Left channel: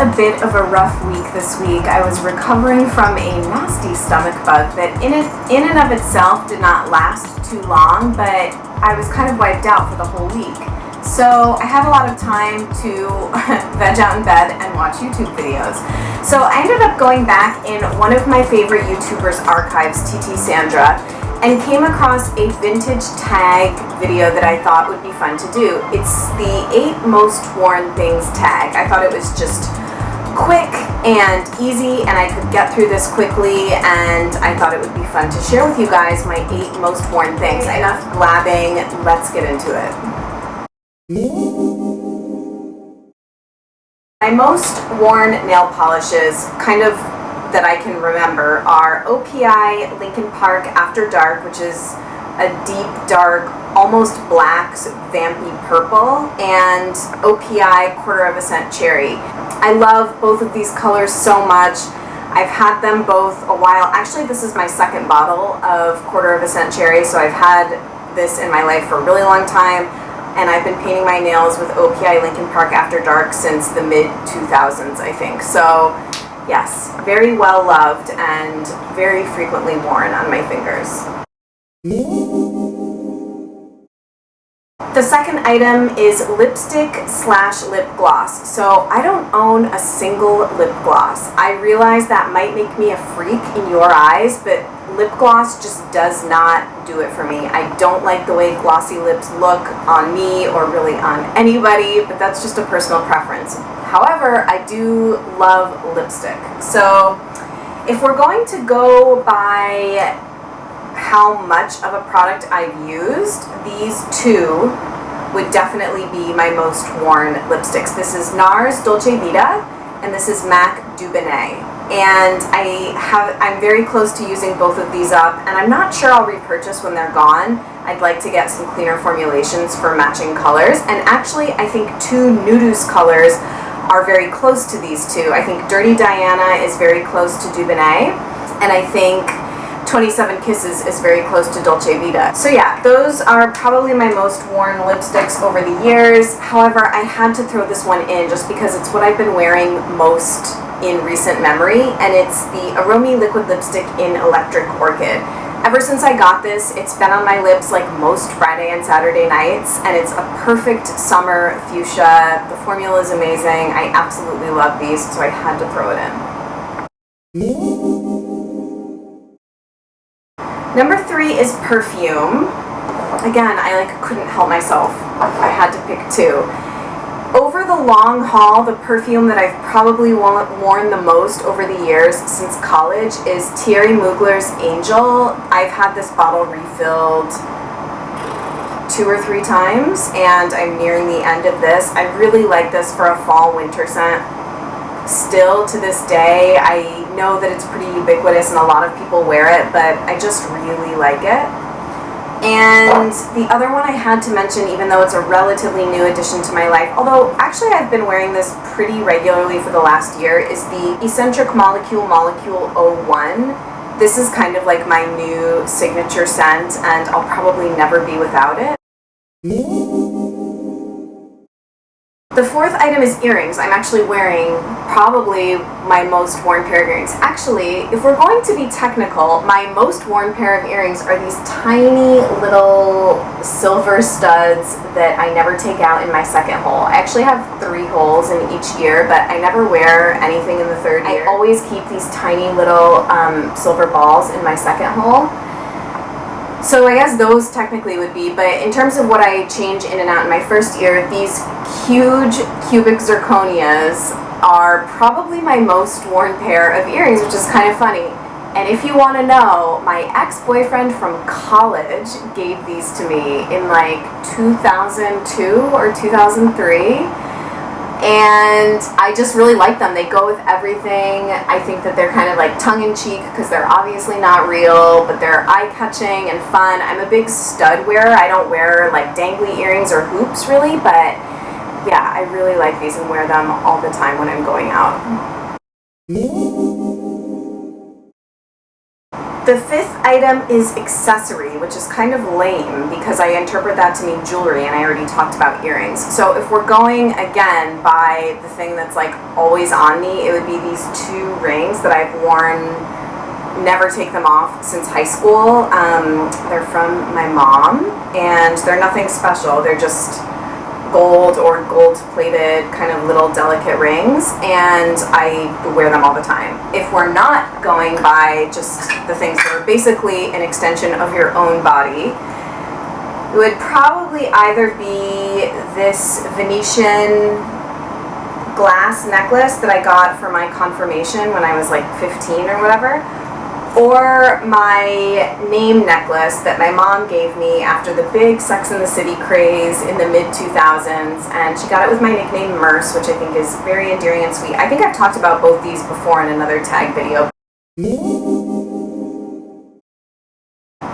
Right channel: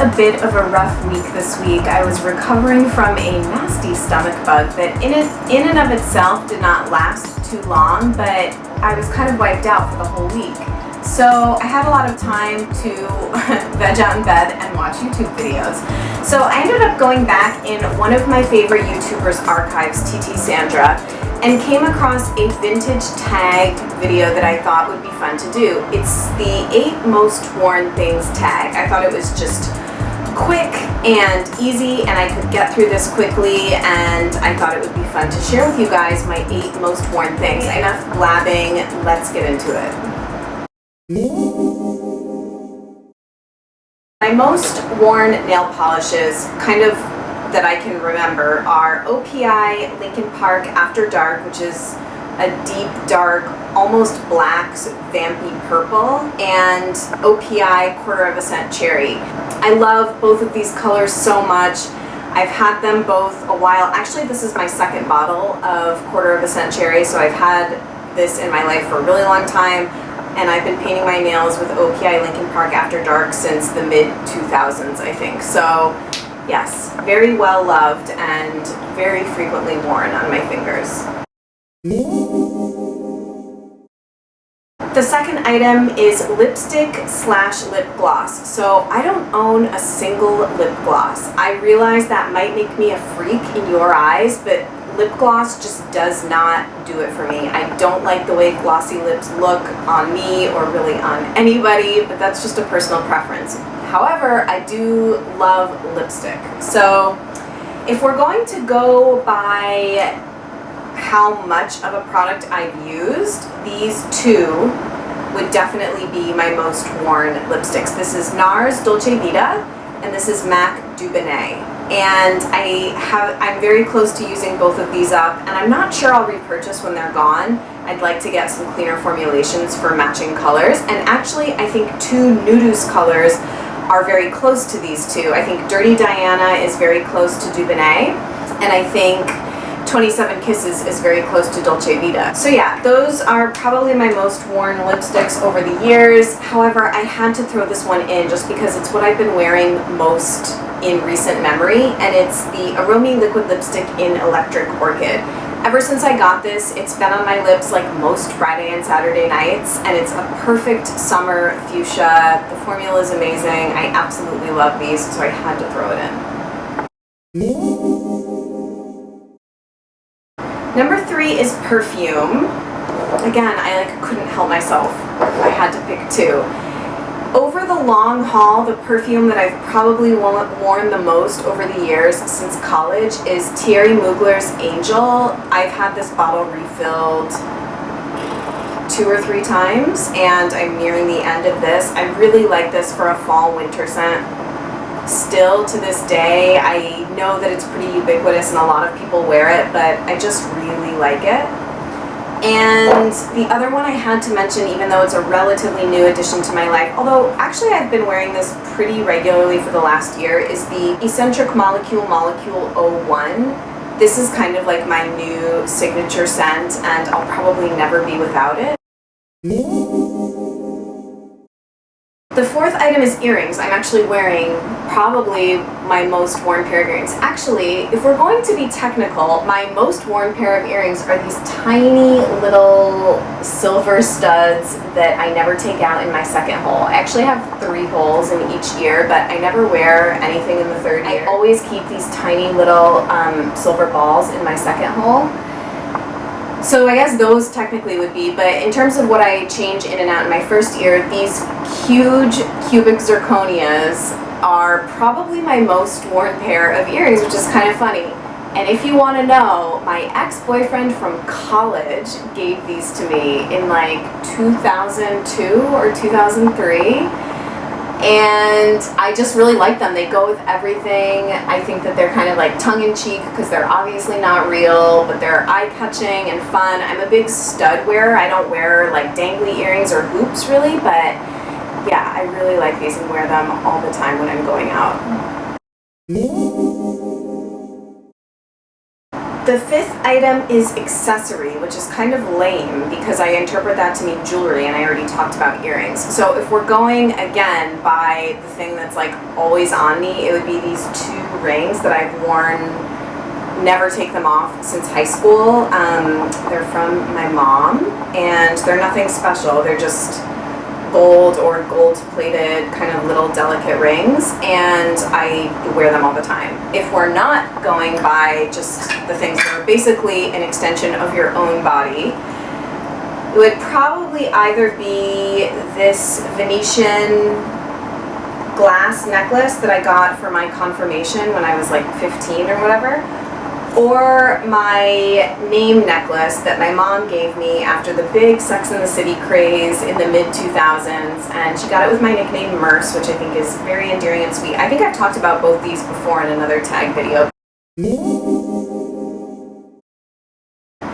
a bit of a rough week this week. I was recovering from a nasty stomach bug that in and of itself did not last too long, but I was kind of wiped out for the whole week. So I had a lot of time to veg out in bed and watch YouTube videos. So I ended up going back in one of my favorite YouTubers' archives, TT Sandra, and came across a vintage tag video that I thought would be fun to do. It's the 8 most worn things tag. I thought it was just quick and easy and I could get through this quickly, and I thought it would be fun to share with you guys my 8 most worn things. Enough blabbing, let's get into it. My most worn nail polishes, kind of that I can remember, are OPI Lincoln Park After Dark, which is a deep dark, almost black, vampy purple, and OPI Quarter of a Cent Cherry. I love both of these colors so much. I've had them both a while. Actually, this is my second bottle of Quarter of a Cent Cherry, so I've had this in my life for a really long time. And I've been painting my nails with OPI Lincoln Park After Dark since the mid-2000s, I think. So, yes, very well loved and very frequently worn on my fingers. The second item is lipstick slash lip gloss. So I don't own a single lip gloss. I realize that might make me a freak in your eyes, but lip gloss just does not do it for me. I don't like the way glossy lips look on me or really on anybody, but that's just a personal preference. However, I do love lipstick. So if we're going to go by how much of a product I've used, these two would definitely be my most worn lipsticks. This is NARS Dolce Vita, and this is MAC Doubonnet. And I'm very close to using both of these up, and I'm not sure I'll repurchase when they're gone. I'd like to get some cleaner formulations for matching colors, and actually I think 2 Nudu's colors are very close to these two. I think Dirty Diana is very close to Doubonnet, and I think 27 Kisses is very close to Dolce Vita. So yeah, those are probably my most worn lipsticks over the years. However, I had to throw this one in just because it's what I've been wearing most in recent memory, and it's the Aromi liquid lipstick in Electric Orchid. Ever since I got this, it's been on my lips like most Friday and Saturday nights, and it's a perfect summer fuchsia. The formula is amazing. I absolutely love these, so I had to throw it in. Number 3 is perfume. Again, I couldn't help myself. I had to pick 2. Over the long haul, the perfume that I've probably worn the most over the years since college is Thierry Mugler's Angel. I've had this bottle refilled 2 or 3 times, and I'm nearing the end of this. I really like this for a fall-winter scent. Still to this day, I know that it's pretty ubiquitous and a lot of people wear it, but I just really like it. And the other one I had to mention, even though it's a relatively new addition to my life, although actually I've been wearing this pretty regularly for the last year, is the Eccentric Molecule 01. This is kind of like my new signature scent, and I'll probably never be without it. The 4th item is earrings. I'm actually wearing probably my most worn pair of earrings. Actually, if we're going to be technical, my most worn pair of earrings are these tiny little silver studs that I never take out in my second hole. I actually have 3 holes in each ear, but I never wear anything in the 3rd ear. I always keep these tiny little silver balls in my second hole. So I guess those technically would be, but in terms of what I change in and out in my first ear, these huge cubic zirconias are probably my most worn pair of earrings, which is kind of funny. And if you want to know, my ex-boyfriend from college gave these to me in like 2002 or 2003. And I just really like them. They go with everything. I think that they're kind of like tongue-in-cheek because they're obviously not real, but they're eye-catching and fun. I'm a big stud wearer. I don't wear like dangly earrings or hoops really, but yeah, I really like these and wear them all the time when I'm going out. The fifth item is accessory, which is kind of lame because I interpret that to mean jewelry, and I already talked about earrings. So if we're going, again, by the thing that's like always on me, it would be these two rings that I've worn, never take them off since high school. They're from my mom, and they're nothing special. They're just gold or gold-plated kind of little delicate rings, and I wear them all the time. If we're not going by just the things that are basically an extension of your own body, it would probably either be this Venetian glass necklace that I got for my confirmation when I was like 15 or whatever, or my name necklace that my mom gave me after the big Sex and the City craze in the mid-2000s, and she got it with my nickname Merce, which I think is very endearing and sweet. I think I've talked about both these before in another tag video.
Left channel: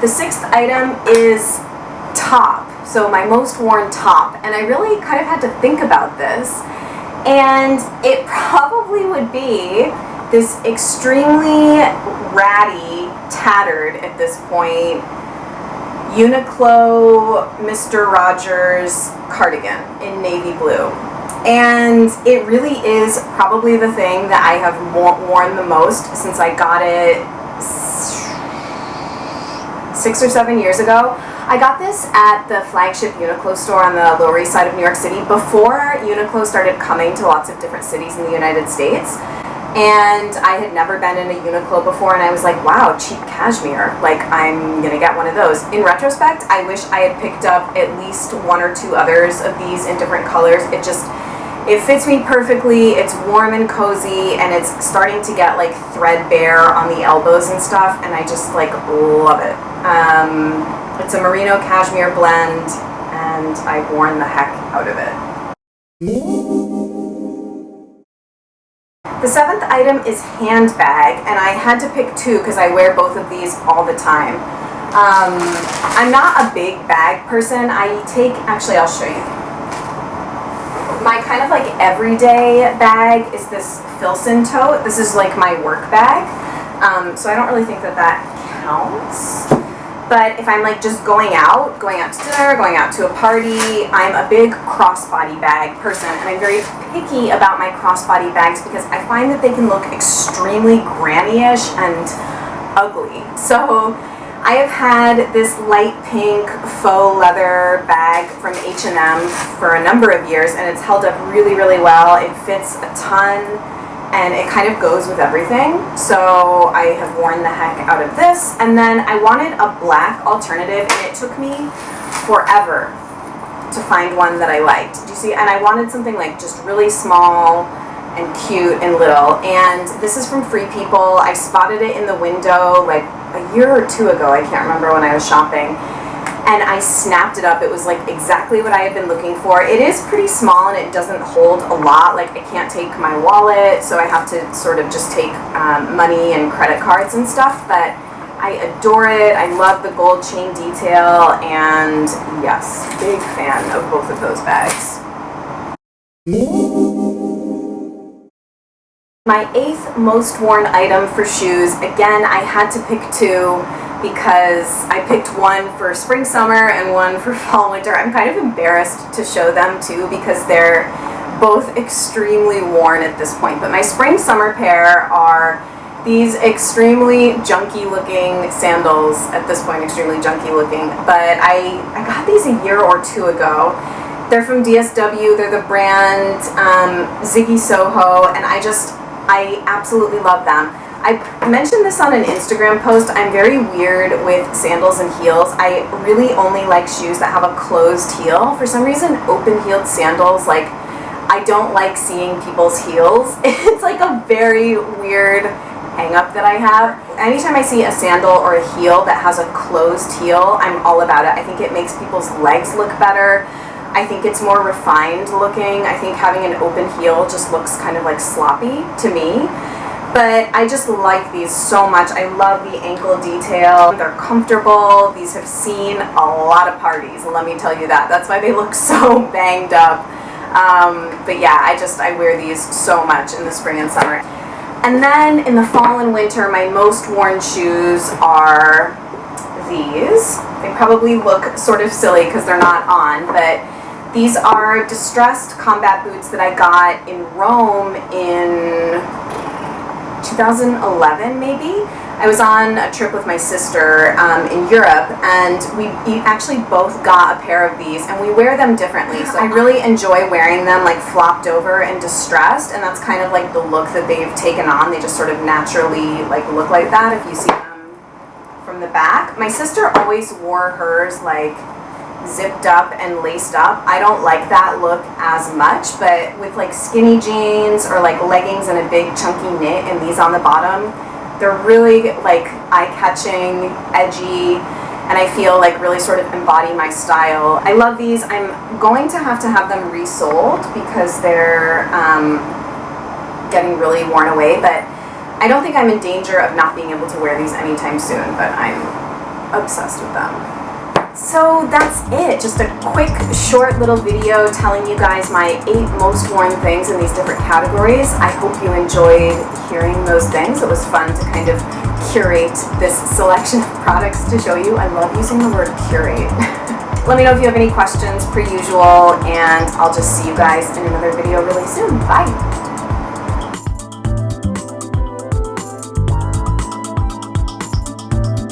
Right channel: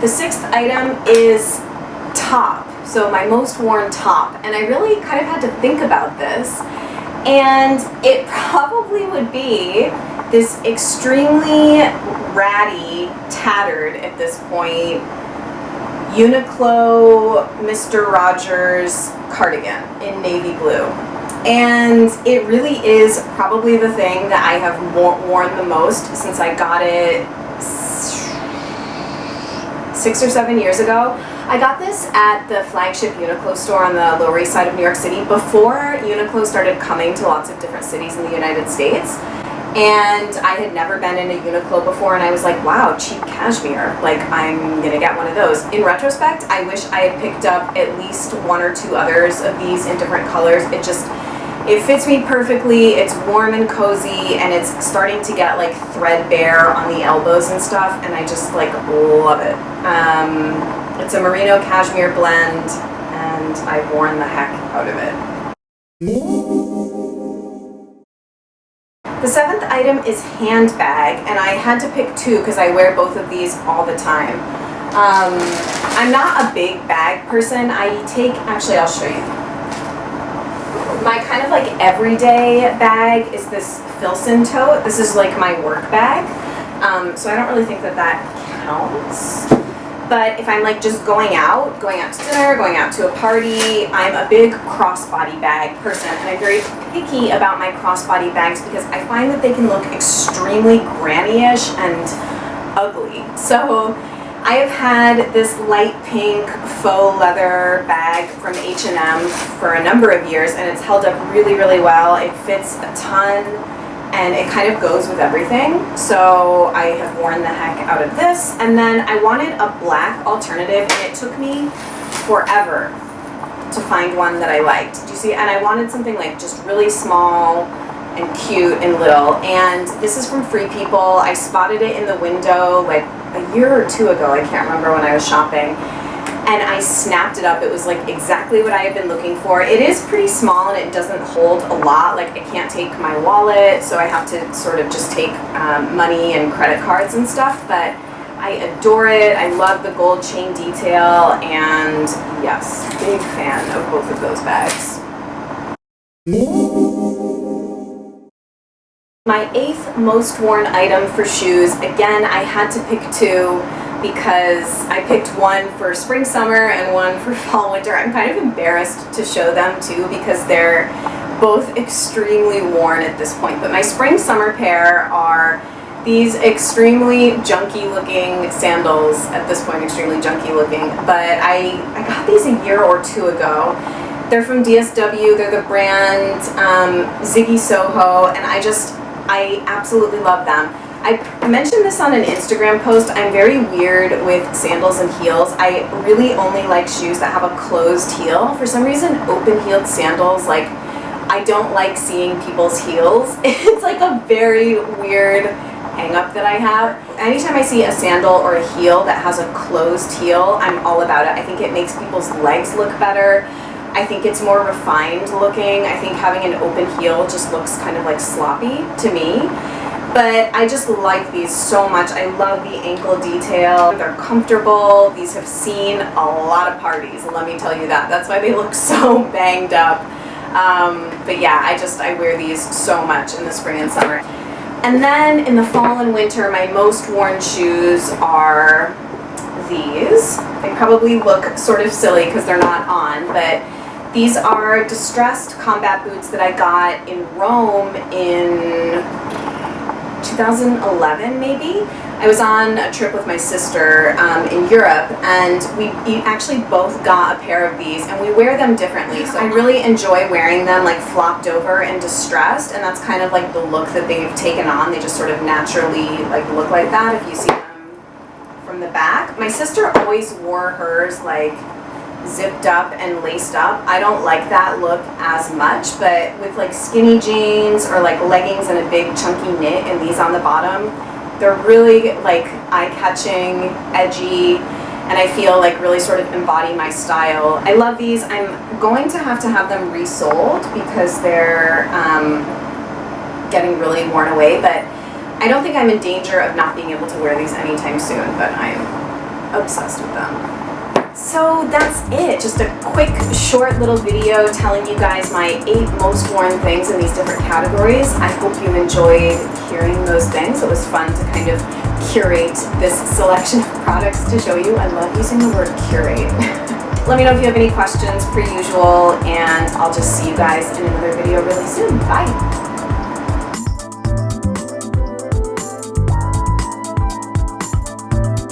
The sixth item is top, so my most worn top, and I really kind of had to think about this, and it probably would be this extremely ratty, tattered at this point, Uniqlo Mr. Rogers cardigan in navy blue. And it really is probably the thing that I have worn the most since I got it 6 or 7 years ago. I got this at the flagship Uniqlo store on the Lower East Side of New York City before Uniqlo started coming to lots of different cities in the United States. And I had never been in a Uniqlo before, and I was like, wow, cheap cashmere. Like, I'm gonna get one of those. In retrospect, I wish I had picked up at least 1 or 2 others of these in different colors. It fits me perfectly, it's warm and cozy, and it's starting to get like threadbare on the elbows and stuff, and I just like love it. It's a merino cashmere blend, and I've worn the heck out of it. The seventh item is handbag, and I had to pick 2 because I wear both of these all the time. I'm not a big bag person. Actually I'll show you. My kind of like everyday bag is this Filson tote. This is like my work bag, so I don't really think that that counts. But if I'm like just going out to dinner, going out to a party, I'm a big crossbody bag person, and I'm very picky about my crossbody bags because I find that they can look extremely granny-ish and ugly. So I have had this light pink faux leather bag from H&M for a number of years, and it's held up really, really well. It fits a ton, and it kind of goes with everything. So I have worn the heck out of this. And then I wanted a black alternative, and it took me forever to find one that I liked. Do you see? And I wanted something like just really small and cute and little. And this is from Free People. I spotted it in the window like a year or 2 ago. I can't remember when I was shopping. And I snapped it up. It was like exactly what I had been looking for. It is pretty small and it doesn't hold a lot. Like I can't take my wallet, so I have to sort of just take money and credit cards and stuff. But I adore it. I love the gold chain detail, and yes, big fan of both of those bags. My 8th most worn item for shoes, again, I had to pick 2 because I picked one for spring, summer, and one for fall, winter. I'm kind of embarrassed to show them too because they're both extremely worn at this point. But my spring, summer pair are these extremely junky looking sandals, at this point extremely junky looking, but I got these a year or 2 ago. They're from DSW, they're the brand Ziggy Soho, and I absolutely love them. I mentioned this on an Instagram post. I'm very weird with sandals and heels. I really only like shoes that have a closed heel. For some reason, open-heeled sandals, like, I don't like seeing people's heels. It's like a very weird hang-up that I have. Anytime I see a sandal or a heel that has a closed heel, I'm all about it. I think it makes people's legs look better. I think it's more refined looking. I think having an open heel just looks kind of like sloppy to me. But I just like these so much. I love the ankle detail. They're comfortable. These have seen a lot of parties, let me tell you that. That's why they look so banged up. But yeah, I wear these so much in the spring and summer. And then in the fall and winter, my most worn shoes are these. They probably look sort of silly because they're not on, but these are distressed combat boots that I got in Rome in 2011 maybe. I was on a trip with my sister in Europe, and we actually both got a pair of these, and we wear them differently. So I really enjoy wearing them like flopped over and distressed, and that's kind of like the look that they've taken on. They just sort of naturally like look like that if you see them from the back. My sister always wore hers like zipped up and laced up. I don't like that look as much, but with like skinny jeans or like leggings and a big chunky knit and these on the bottom, they're really like eye-catching, edgy, and I feel like really sort of embody my style. I love these. I'm going to have them resold because they're getting really worn away, but I don't think I'm in danger of not being able to wear these anytime soon, but I'm obsessed with them. So that's it, just a quick short little video telling you guys my 8 most worn things in these different categories. I hope you enjoyed hearing those things. It was fun to kind of curate this selection of products to show you. I love using the word curate. Let me know if you have any questions per usual, and I'll just see you guys in another video really soon. Bye!